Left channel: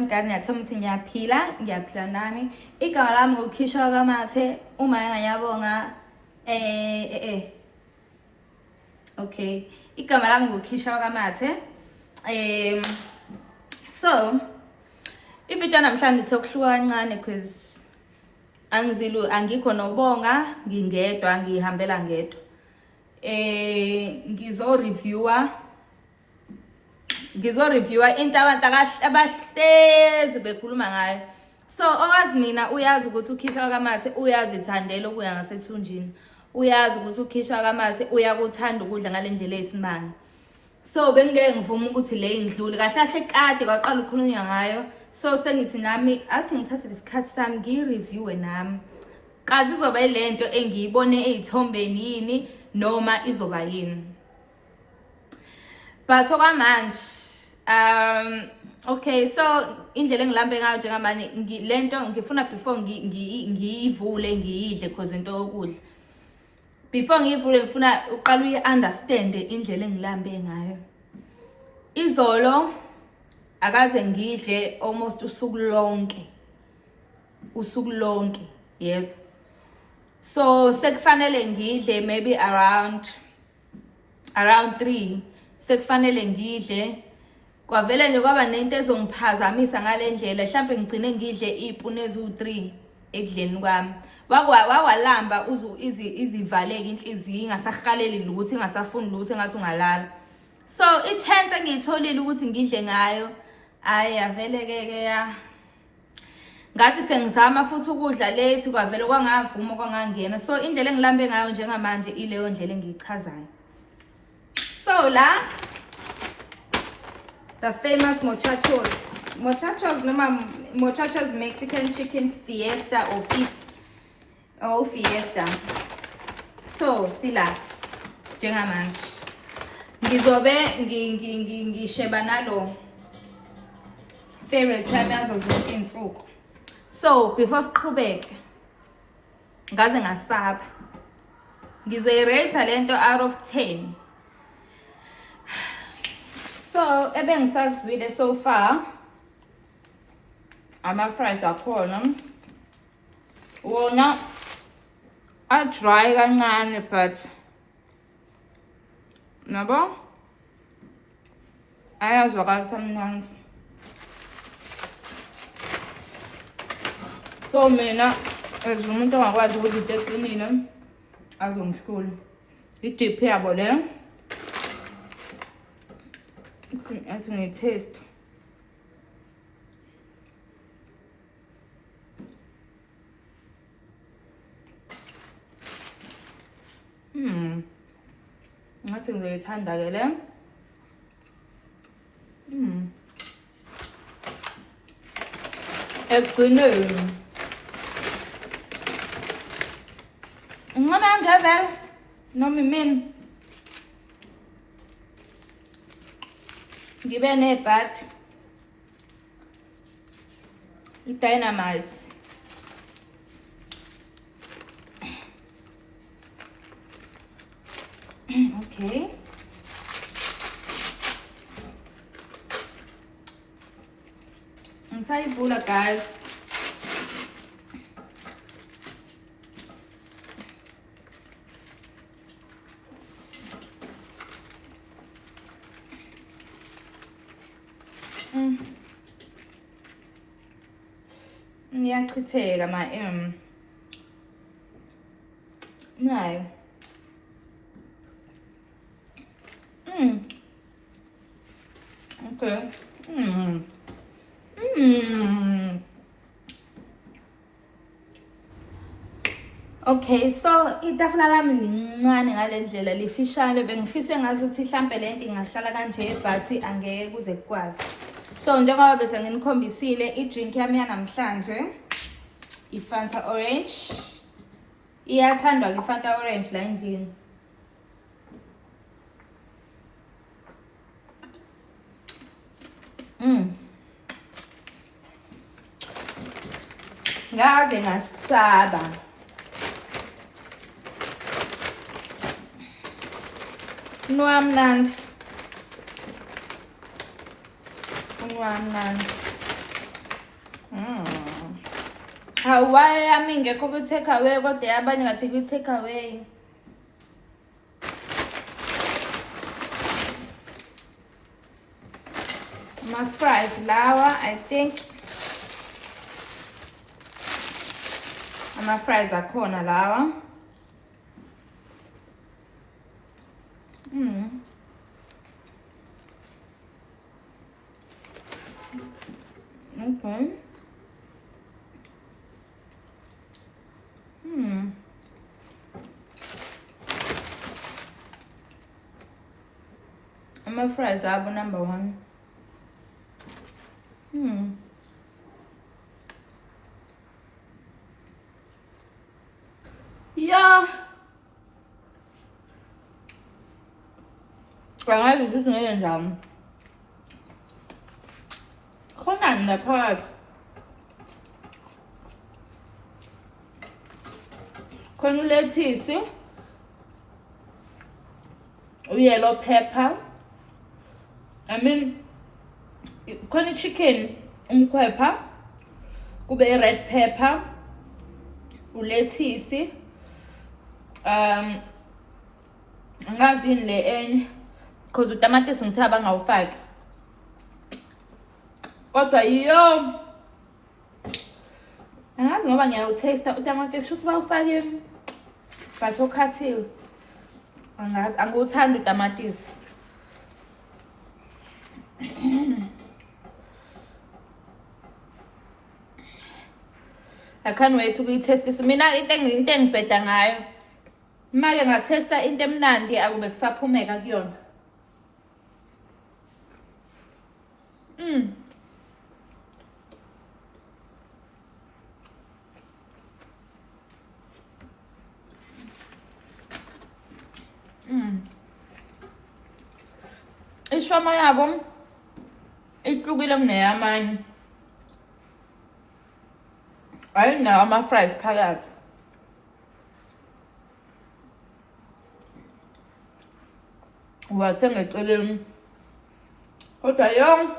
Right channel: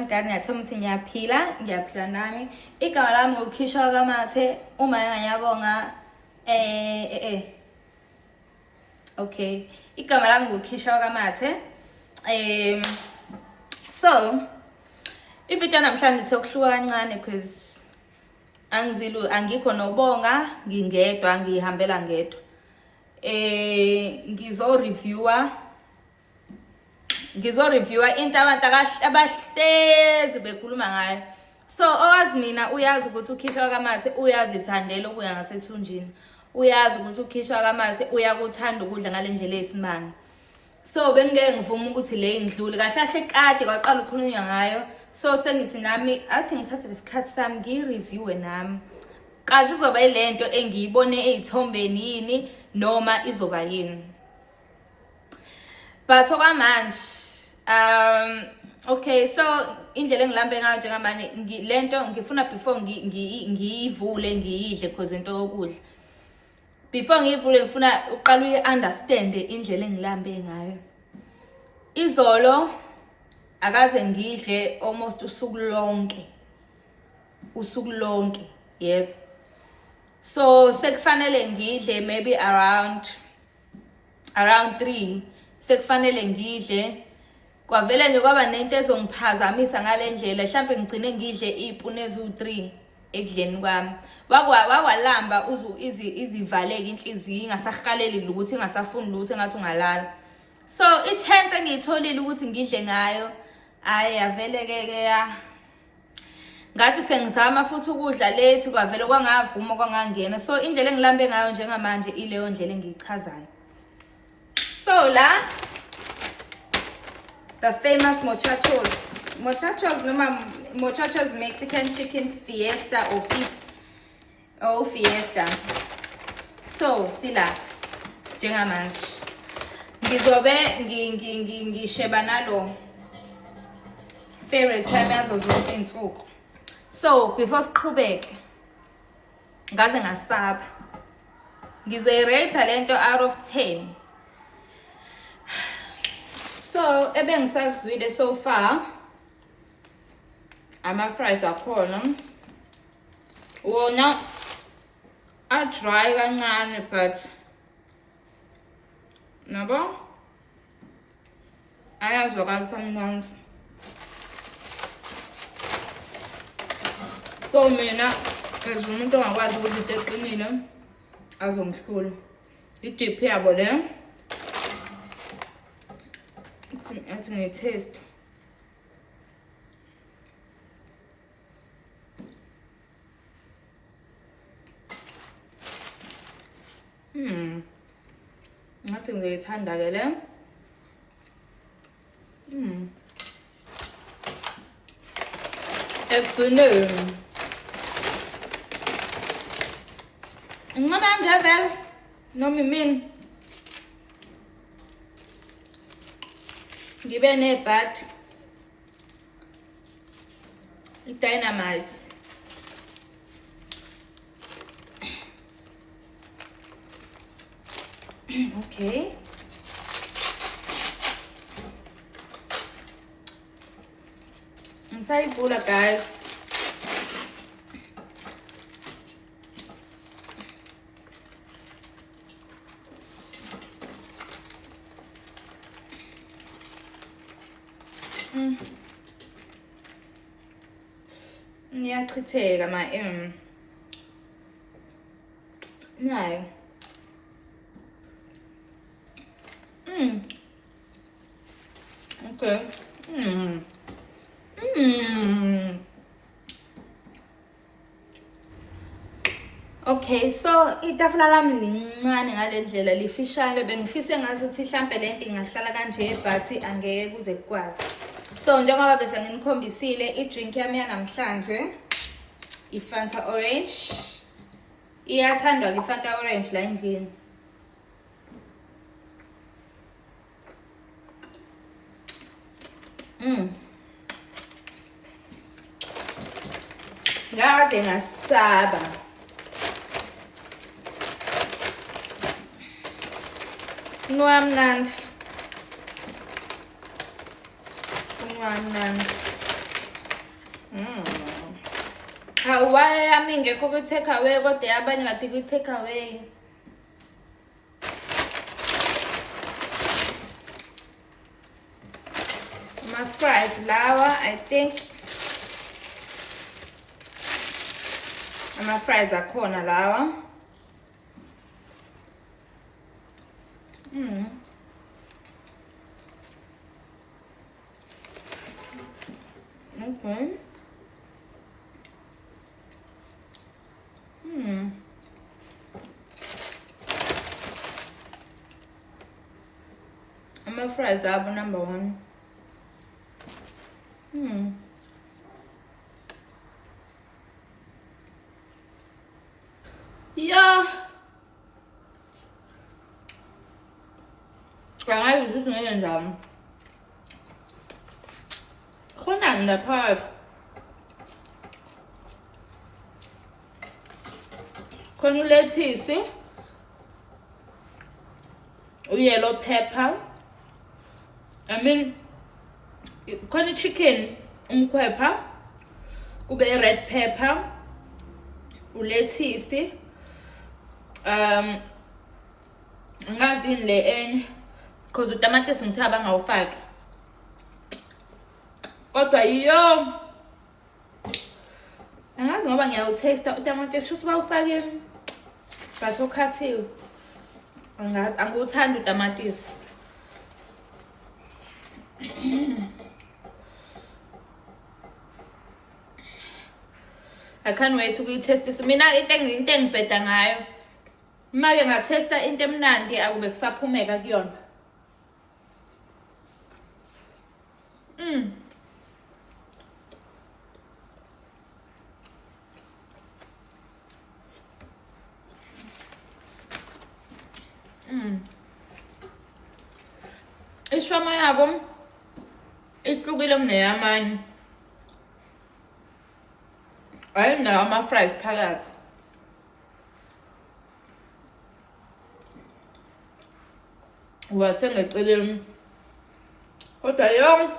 Ngani ngiyathoma ukuthi ngiyaphila nami. Igama lami nguKhisha Kamathe. Uma ngiyabonga okay. Igama lami nguKhisha Kamathe. So ivideo namhlanje sokuhluka kancane because angikho nobonga, ngingedwa ngihambela ngedwa. Ngizo-reviewer into abantu abahlezi bekhuluma ngayo. So owazi mina uyazi ukuthi uKhisha Kamathe uyazithandela ukuya ngasethunjini. Uyazi ukuthi uKhisha Kamathe uyakuthanda ukudla ngalendlela eyisimanga. So bengeke ngivuma ukuthi le indlule kahle kade kwaqala ukukhulunywa ngayo. So sengithi nami athi ngithathe lesikhathi sami ngireviewe nami. Kazi izoba ilento engiyibone ezithombeni yini noma izoba yini. But okwamanje okay, so indlela engilambe ngayo njengamanje lento ngifuna before ngiyivule ngiyidle because into yokudla. Before ngiyivule ngifuna uqala uyi-understand indlela engilambe ngayo. Izolo akaze ngidle almost usuku lonke, yes. So sekufanele ngidle maybe around 3 sekufanele ngidle. Kwavele nje kwaba nento ezongiphazamisa ngalendlela, mhlambe ngigcine ngidle ipuni ezu3 ekudleni kwami. Wakwalamba izivaleke inhliziyo ingasahaleli ukuthi ingasafuni lutho engathi ungalala. So i-chance engiyitholile ukuthi ngidle ngayo ayavele ke ya ngathi sengizama futhi ukudla late kwavele kwangavuma kwangangena. So indlela engilambe ngayo njengamanje ileyo ndlela engiyichazayo. So la the famous Muchachos Mexican chicken fiesta or fiesta. So sila njengamanje ngizobe ngisheba nalo favorite time yazo zonke insuku. So before siqhubeke ngaze ngasaba ngizoyirate lento out of 10. So ebengisakuzwile so far ama-fries akhona wona a-dry kancane but nabo ayazwakala ukuthi amnandi. So mina as umuntu ongakwazi ukudla into eqinile azongihlula. I-dip yabo le athi ngi-taste. Ngathi ngizoyithanda ke le. Ekugcineni ngicabanga nje vele noma imini ngibe nebhat i-dynamite. Okay. Ngisayivula guys. Ngiyachitheka nayo. Okay. Okay, so itafula lami lincane ngalendlela lifishane. Bengifise ngazuthi mhlambe lento ingahlala kanje but angeke kuze kukwazi. So njengoba bese nginikhombisile i-drink yami yanamhlanje i-Fanta Orange. Iyathandwa ke Fanta Orange la endlini. Ngaze ngasaba. Nwamnandi. Hawa yami ngekho kwi-take away kodwa yabanye ngathi kwi-take away. Ama-fries lawa, I think. Ama-fries akhona lawa. Okay. Ama-fries abo number 1. Yeah. Angazi ukuthi ngenye njani. Khonani ngaphakathi. Khona ulethisi, yellow pepper. Khona chicken umkhwepha, kube red pepper, ulethisi. Angazi le enye because utamatisi ngithe abangawufaki. Kodwa iyo angazi ngoba ngiyawutaste utamatisi shothi bawufakile but okhathiwe. Angazi angiwuthandi utamatisi. I can't wait to taste. Mina into engibheda ngayo. Manje ngatesta into emnandi akube kusaphumeka kuyona. Ishwama yabo ihlukile kuneyamanye. Ayinawo ama-fries phakathi. Uwathenga eceleni. Kodwa yo.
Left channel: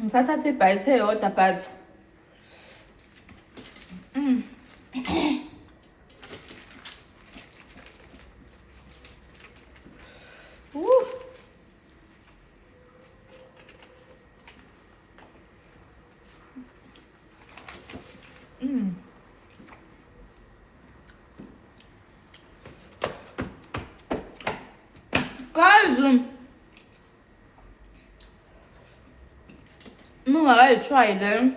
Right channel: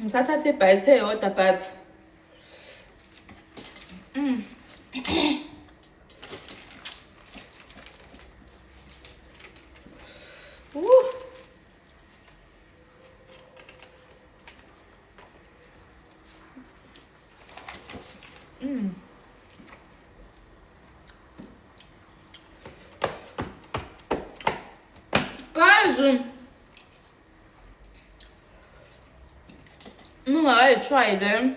Ngisathatha ibite eyodwa but guys, try them.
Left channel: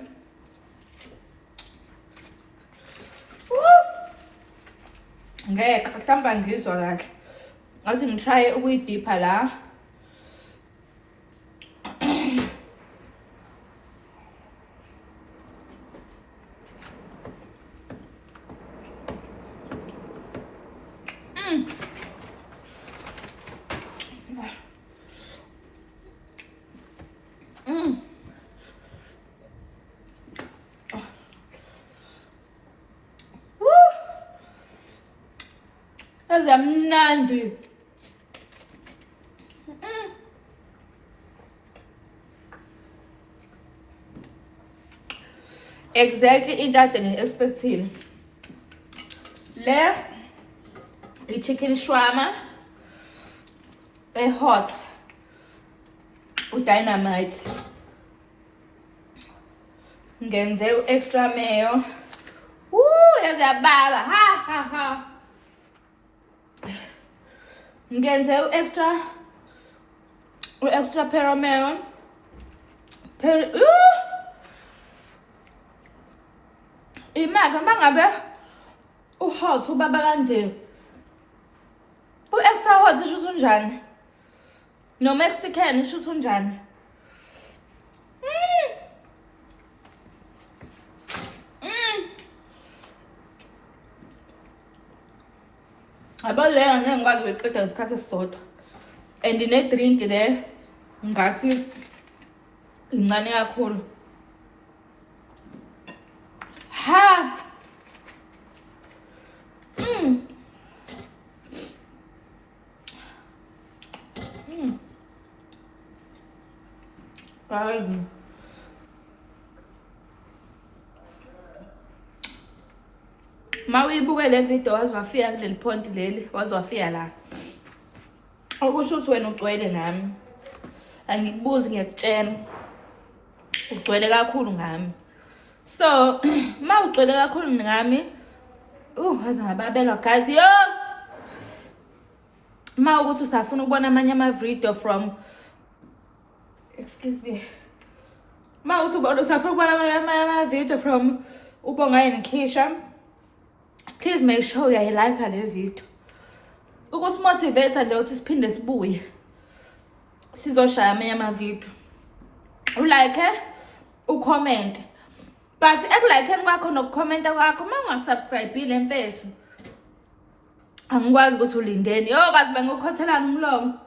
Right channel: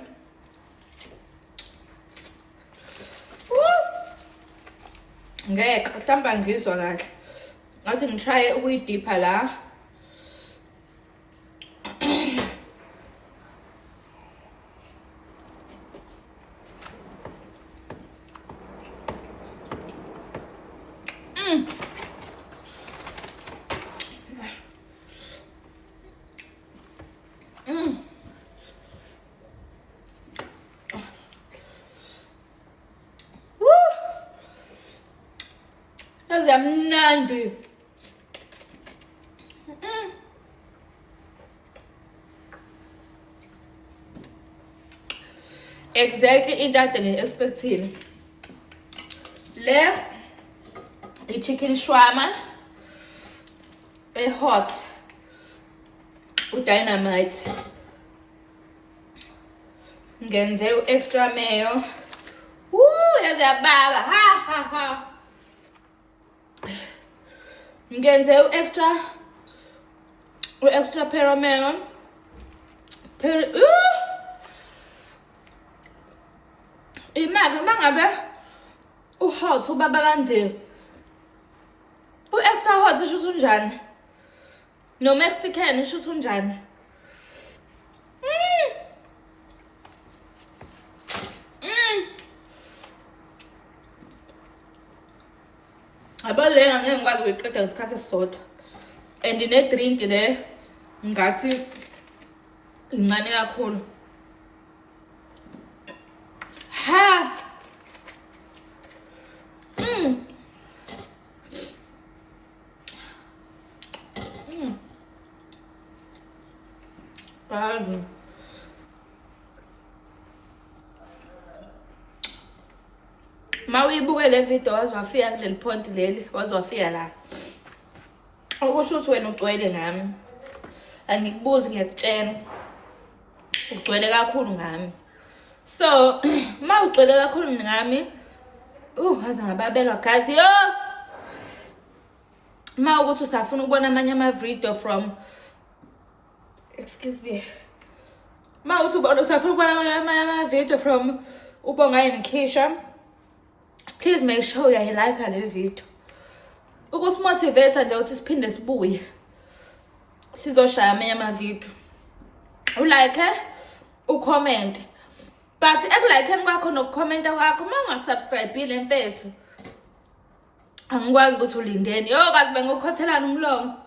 Ngeke mhlawumbe ngizwa kahle. Ngathi ngitry ukuyidipha la. Amnandi. Exactly into ade ngi-expectile. Le i-chicken shawarma hot udynamite. Ngenze extra mayo. Yazababa. Ha. Ngenze extra peromelon. Imagine mangabe hot ubaba kanje. Extra hot isho unjani? No Mexican isho unjani? Abale ngeke ngikwazi ukuyiqeda ngesikhathi esisodwa. And ne drink le ngathi incane kakhulu. Ha. Guys. Ma uyibuke le video wazwafika kuleli point leli, wazwafika la. Okusho ukuthi wena ugcwele ngami. Angikubuzi ngiyakutshela. Ugcwele kakhulu ngami. So, ma ugcwele kakhulu ngami, waze ngababelwa guys. Yo! Ma ukuthi usafuna ukubona amanye ama-video from excuse me. Ma ukuthi usafuna ukubona amanye ama-video from Ubongayi Nikisha. Please make sure uyayilike le video. Ukusimotivate nje ukuthi siphinde sibuye. Sizoshaya amanye ama-video. Ulike, ucomment. But ekulike kwakho nokukhomenta kwakho uma ungasubscribe-ile mfethu. Angikwazi ukuthi ulindeni. Yo kazi bengikukhoselana umlomo.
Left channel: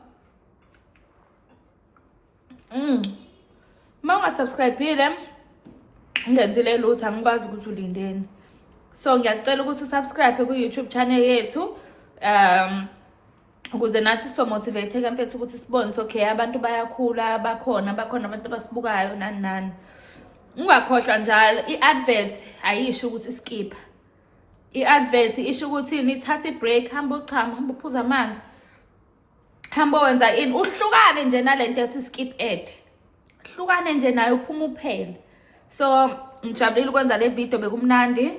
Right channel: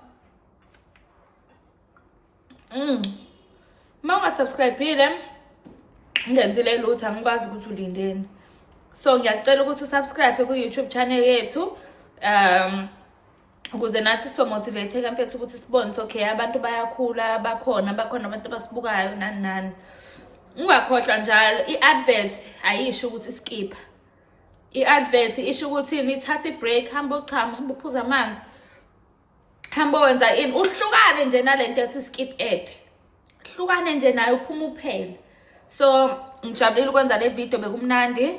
Uma ungasubscribe-ile ngenzile lutho angikwazi ukuthi ulindeni. So ngiyacela ukuthi usubscribe ku YouTube channel yethu ukuze nathi somotivate mfethu ukuthi sibone okay abantu bayakhula bakhona abantu abasibukayo nani. Ungakhohlwa njalo i-advert ayisho ukuthi skip. I-advert isho ukuthi nithathe i-break, hamba uchama, hamba uphuza amanzi. Hamba wenza ini uhlukane nje nalento ethi skip ad. Hlukane nje nayo uphuma uphele. So ngijabulile ukwenza le video bekumnandi.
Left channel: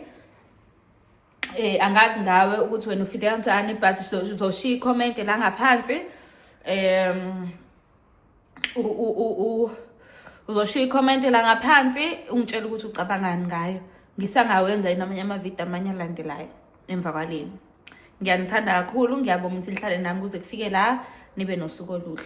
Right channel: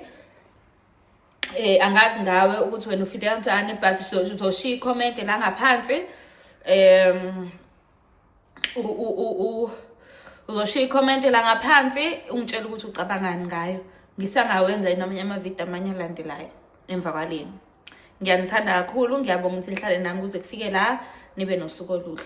Angazi ngawe ukuthi wena ufile kanjani but uzoshiya i-comment la ngaphansi. Uzoshiya i-comment la ngaphansi ungitshela ukuthi ucabangani ngayo. Ngisangawenza amanye ama-video amanye alandelayo emva kwaleni. Ngiyanithanda kakhulu, ngiyabonga ukuthi nihlale nami kuze kufike la nibe nosuku oluhle.